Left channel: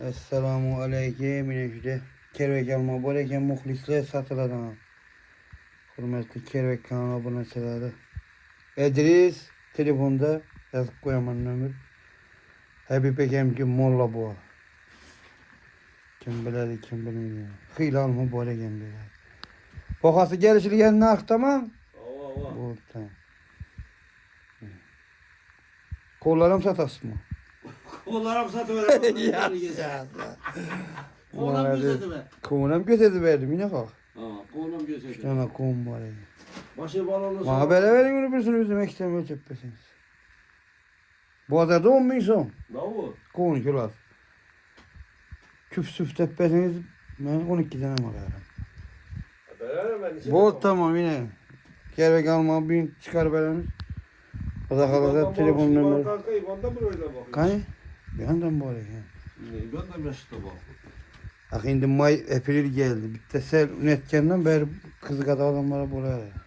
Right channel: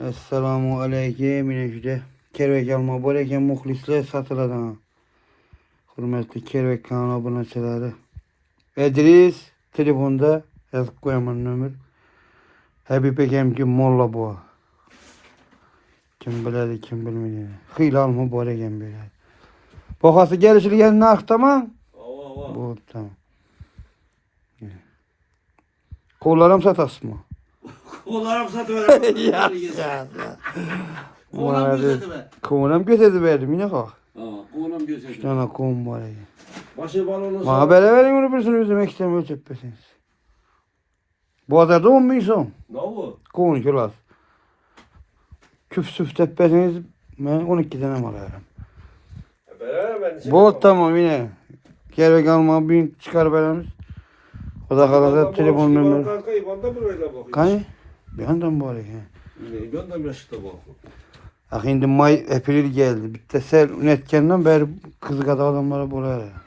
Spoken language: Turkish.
Esselamu aleyküm. Yine Kervek alma böyleyken muhlisler satıladan. Hürmetli Kervek kanal aboneçileri. Edris telefonda yazıp koyaman nömür. Habib Ekemki Molla bu. Kim biledi kim bilmedi. Hıyla alma böyleyken böyle. Pokası gelişli yanına aktamam. Bu tamam. Kollarım satas mı? Kollarım satıver. Ya. Kollarım gözetime. Kovunam götürdü verdim yine kalk. Kolum Bir gözetime. tane kovun var ya. Başı balonu Bana böyle verin onu bir sürü üzüm ekstrem ölçüp Bu kadar da 10 bin son. Ne bu? Kovun kilosu. Küf süf tepesiniz ben 12 tane mal alırım. Bu tamam yine. Gerek alma bin çıkar belamız. O da kalacak telefon numarası. Kankayı bana buraya bakıyor. Kani? Bir yandan bu araya. Ben de yaşta bakıyorum. Bak şimdi May April geldi. Bitti sel ünetkenden beri kızı kadar adamları buraya.